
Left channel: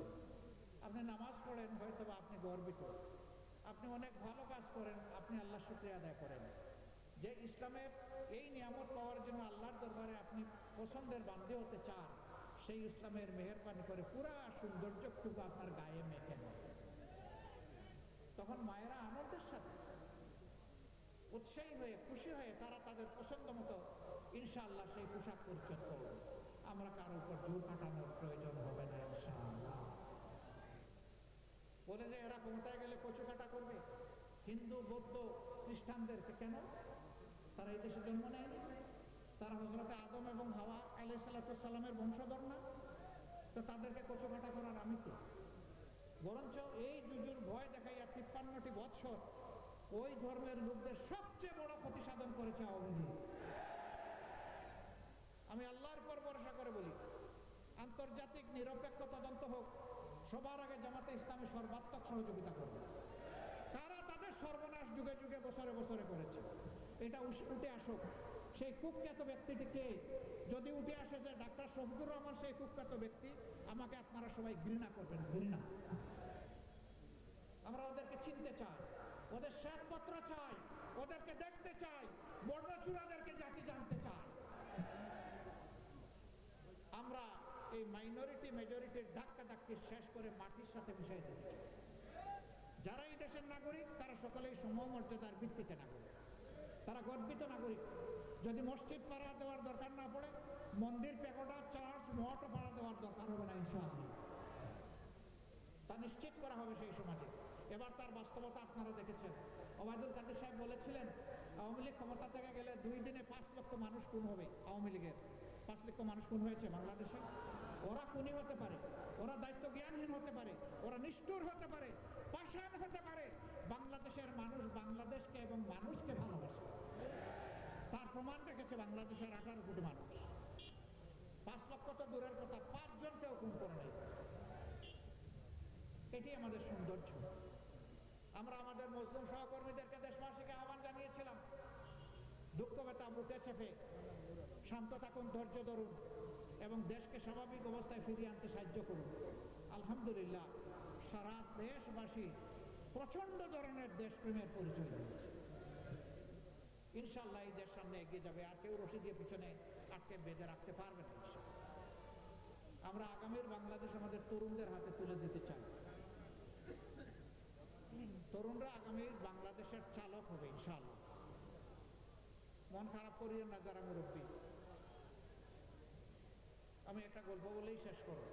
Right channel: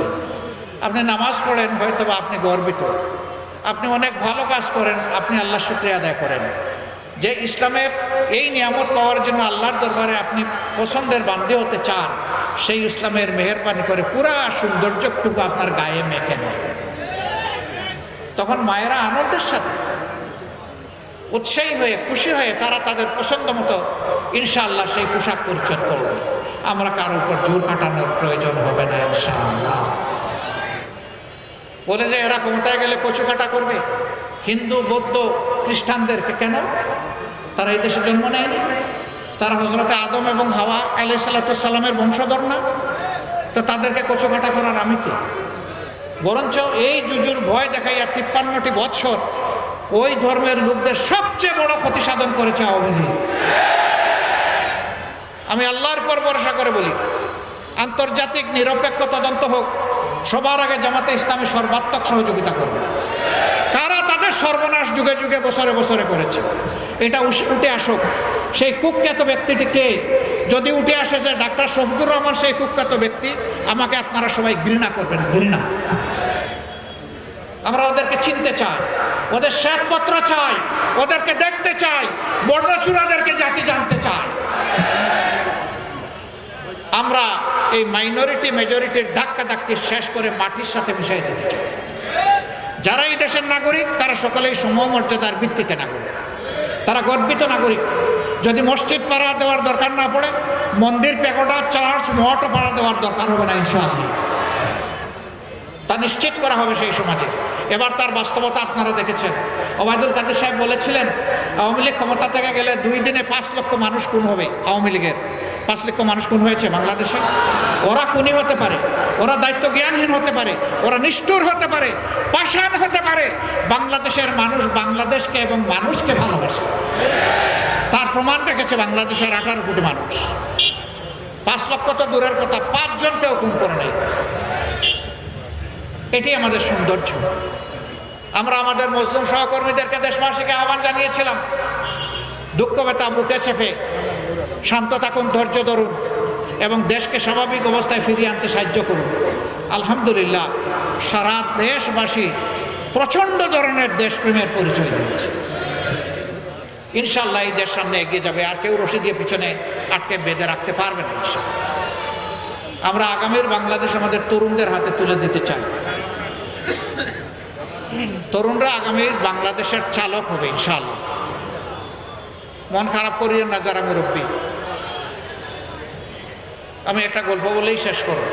আপনি নামাজ পড়েন হয়তো আপনি গর্বিত। আপনি অনেক ভালো কাজ করেন, আপনি আল্লাহ শুক্রিয়া আদায় করেন। যে ইসলামের এই নিয়ামত পাওয়ার জন্য আল্লাহর দরবারে আপনি পছন্দের বান্ধে হতে চান, সেই ইসলামের মেহরবানি করে পুরা সৌন্দর্যটুকু আপনার গায়ে মেখে নেয়। তখন মায়েরা আনন্দের সাথে উৎসাহী হয়ে, খুশি হয়ে তারা তাদের পছন্দ মতো ইনশাআল্লাহ সেই পোশাক পরিচ্ছদ করবে আমরা কারও উপর জোর কাটানোর প্রয়োজন হবে না ইনশাআল্লাহ। বলে যে, এরা ক্ষমতায় গেলে কচু কাটা করবে। হিন্দু, বৌদ্ধ, খ্রিস্টানদেরকে কেন তারা এই দেশে জন্ম নেয়নি। তারা হজরতে আদম এবং হাওয়া আলাই সাল্লামের বংশধর না। তো তাদেরকে কচু কাটা করার আমি কে? বরঞ্চ এই জুজুর ভয় দেখাইয়া তিপ্পান্নটি বৎসর ওই ধর্মের লোকদের সবচেয়ে বড় ক্ষতি সাধন করেছে আওয়ামী আমি আল্লাহর পর ভরসা করে বলি, আন্তর্জাতিক নিরপেক্ষ তদন্ত হোক, সবার আগে জামাতে ইসলামী সর্বাত্মক সহযোগিতা করবে। সর্বনাশ যুগে যুগে বছরে বছরে করেছে। এটা উঠে আসুক। সেই কুখ্যাত ব্যক্তিটি কে? যদি উঠে আসে যে ডাক্তার শফিকুর রহমান সেই কুখ্যাত ব্যক্তি, আমাকে আপনারা সবাই ঘৃণা করবেন, ঘৃণা। আমরা ওদেরকে চিনতে চাই, ওদের শ্বেতপত্র চাই, ওদেরকে দেখতে চাই, বর্ণচূড়াদেরকে জাতি জানতে চাই। আমরা এই মাইনরিটি মেজরিটির ধাক্কা ধাক্কি শেষ করে মাটির সাথে মিশাই দিতে চাই। যারা এই দেশের নাগরিক, তারা সকলেই সমমর্যাদার ভিত্তিতে নাগরিক। তারা গর্বিত নাগরিক। যদি মসজিদ পাড়া দেওয়ার দরকার না পড়ে, মন্দির প্যাকোটা চার্চ, মঠ পাড়া দেওয়ার দরকার হবে না, ইনশাআল্লাহ। তা নিশ্চিত করা হবে সেই সমাজে। এবার তার বাস্তবতা আপনারা দেখেছেন। ওবায়দুল কাদের সাহেব বলেছিলেন, আওয়ামী লীগ ক্ষমতা থেকে গেলে দুই দিনে পাঁচ লক্ষ মানুষ খুন হবে আওয়ামী লীগের। পাঁচ লক্ষ মানুষ খুন হয়েছে বাংলাদেশে। ওরা খুনি হতে পারে, ওরা দায়িত্ব জ্ঞানহীন হতে পারে, ওরা নিষ্ঠুর হতে পারে, পাষাণ হতে পারে। বাংলাদেশের মানুষ বাংলাদেশকে এবং মানুষকে ভালোবাসে। তার প্রমাণ রেখেছে বাংলাদেশের আঠারো কোটি মানুষ। পাঁচ লক্ষ তো দূরের কথা, পাঁচজনকেও খুন করে নেই। এটি আমাদের সৌন্দর্য। আমরা আমাদের মুসলিম সহকর্মীদেরকে দেশবাসীকে আহ্বান জানিয়েছিলাম দুঃখ ব্যথা বুকে চেপে শান্ত থাকুন, ধৈর্য ধরুন এবং দেশকে স্বাভাবিক অবস্থায় ফিরিয়ে আনতে সাহায্য করুন। আলহামদুলিল্লাহ, সারা দেশবাসী প্রচণ্ড ধরনের দেশপ্রেমের পরিচয় দিয়েছে। ইনশাল্লাহ এই দেশ সামনে এগিয়ে যাবে, আর কেউ রশি দিয়ে পিছনে আটকে বেঁধে রাখতে পারবে না ইনশাল্লাহ আমরা আগামীর বাংলাদেশ আমাদের তরুণদের হাতে তুলে দিতে চাই। তরুণরা আগামীর বাংলাদেশের চালক হবে ইনশাল্লাহ মন খারাপ করিয়ে না যারা মুরব্বী। আমি একটা গল্প বলেই শেষ করব।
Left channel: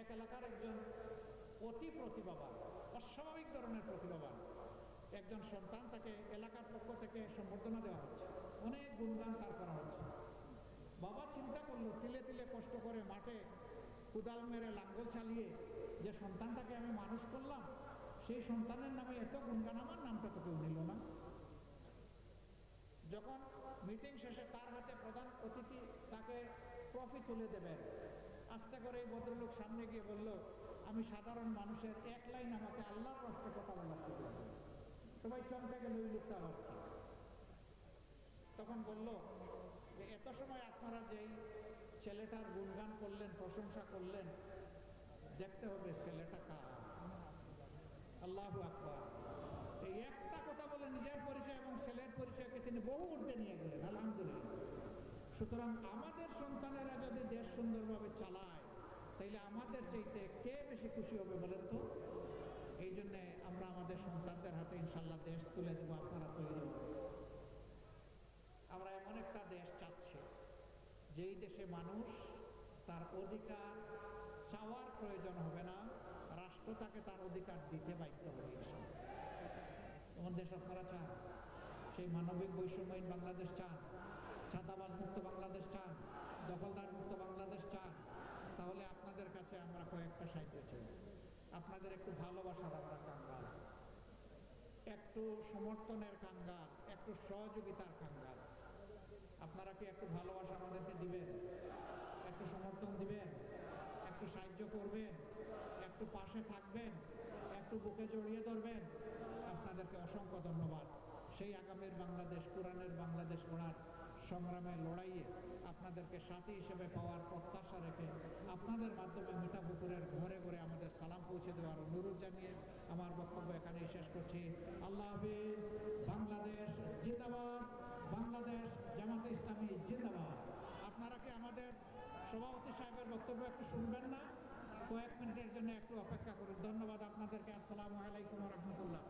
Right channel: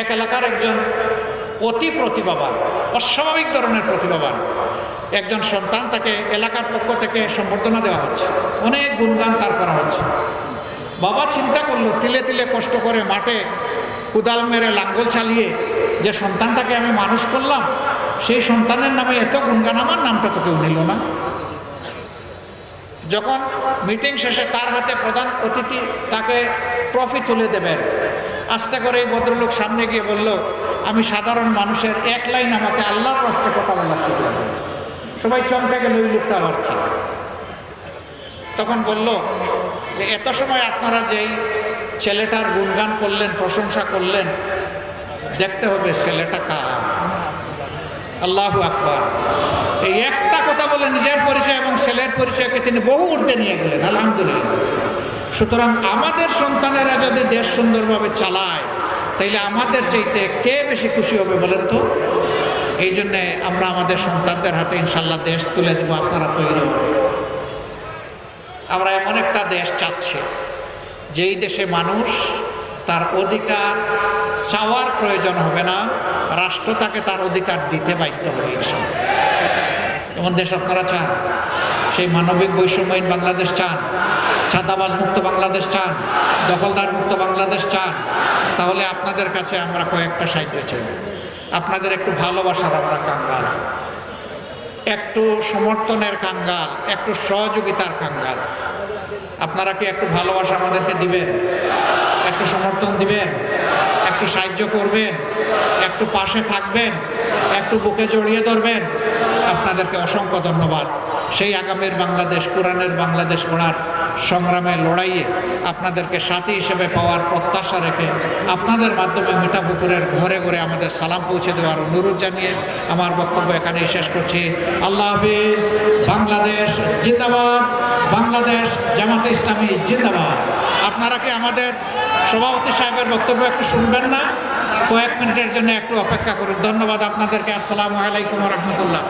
এক এলাকার একজন অতি প্রতিভাবান, অস্বাভাবিক ধরনের প্রতিভাবান একজন সন্তান তাকে এলাকার পক্ষ থেকে সম্বর্ধনা দেওয়া হচ্ছে। অনেক গুণগান তার করা হচ্ছে। বাবা চিন্তা করল, তিলে তিলে কষ্ট করে মাঠে কুদাল মেরে লাঙ্গল চালিয়ে যে সন্তানটাকে আমি মানুষ করলাম, সেই সন্তানের নামে এত গুণগান, আমার নামটা তো কেউ নিল না। যখন মিটিং শেষে তার হাতে প্রধান অতিথি তাকে ট্রফি তুলে দেবেন আস্তে করে এই ভদ্রলোক সামনে গিয়ে বলল, আমি সাধারণ মানুষের এক লাইন আমাকে আল্লাহর রাস্তে কথা বলার সুযোগ সবাই চমকে গেল ওই লোকটা আবার কি? তখন বলল যে, এত সময় আপনারা যেই ছেলেটার গুণগান করলেন, প্রশংসা করলেন, দেখতে হবে ছেলেটা কার? আল্লাহু আকবার। এই একটা কথা বলে নিজের পরিচয় এবং ছেলের পরিচয়কে তিনি বহু ঊর্ধ্বে নিয়ে গেলেন, আলহামদুলিল্লাহ। সুতরাং আমাদের সন্তানেরা যদি দেশ সুন্দরভাবে চালায়, তাইলে আমাদের চাইতে কে বেশি খুশি হবে বলেন তো? এই জন্যে আমরা আমাদের সন্তানদের হাতে ইনশাল্লাহ দেশ তুলে দেবো, আপনারা তৈরি আমরা এমন একটা দেশ চাচ্ছি, যেই দেশে মানুষ তার অধিকার চাওয়ার প্রয়োজন হবে না, রাষ্ট্র তাকে তার অধিকার দিতে বাধ্য হবে ইনশাল্লাহ। এমন দেশ আপনারা চান সেই মানবিক বৈষম্যহীন বাংলাদেশ চান। ছাদাবাজ মুক্ত বাংলাদেশ চান। দখলদার মুক্ত বাংলাদেশ চান। তাহলে আপনাদের কাছে আমরা কয়েকটা সাহায্য চাই। আপনাদের একটু ভালোবাসার আমরা কাঙ্গাল। একটু সমর্থনের কাঙ্গাল, একটু সহযোগিতার কাঙ্গাল। আপনারা কি একটু ভালোবাসা আমাদেরকে দিবেন? একটু সমর্থন দিবেন? একটু সাহায্য করবেন? একটু পাশে থাকবেন? একটু বুকে জড়িয়ে ধরবেন? আপনাদেরকে অসংখ্য ধন্যবাদ। সেই আগামীর বাংলাদেশ, কোরআনের বাংলাদেশ গড়ার সংগ্রামে লড়াইয়ে আপনাদেরকে সাথী হিসেবে পাওয়ার প্রত্যাশা রেখে আপনাদের মাধ্যমে মিঠাপুকুরের ঘরে ঘরে আমাদের সালাম পৌঁছে দেওয়ার অনুরোধ জানিয়ে আমার বক্তব্য এখানেই শেষ করছি। আল্লাহ হাফিজ, বাংলাদেশ জিন্দাবাদ, বাংলাদেশ জামাতে ইসলামী জিন্দাবাদ। আপনারা কি আমাদের সভাপতি সাহেবের বক্তব্য একটু শুনবেন না? কয়েক মিনিটের জন্য একটু অপেক্ষা করুন। ধন্যবাদ আপনাদেরকে। আসসালামু আলাইকুম রহমতুল্লাহ।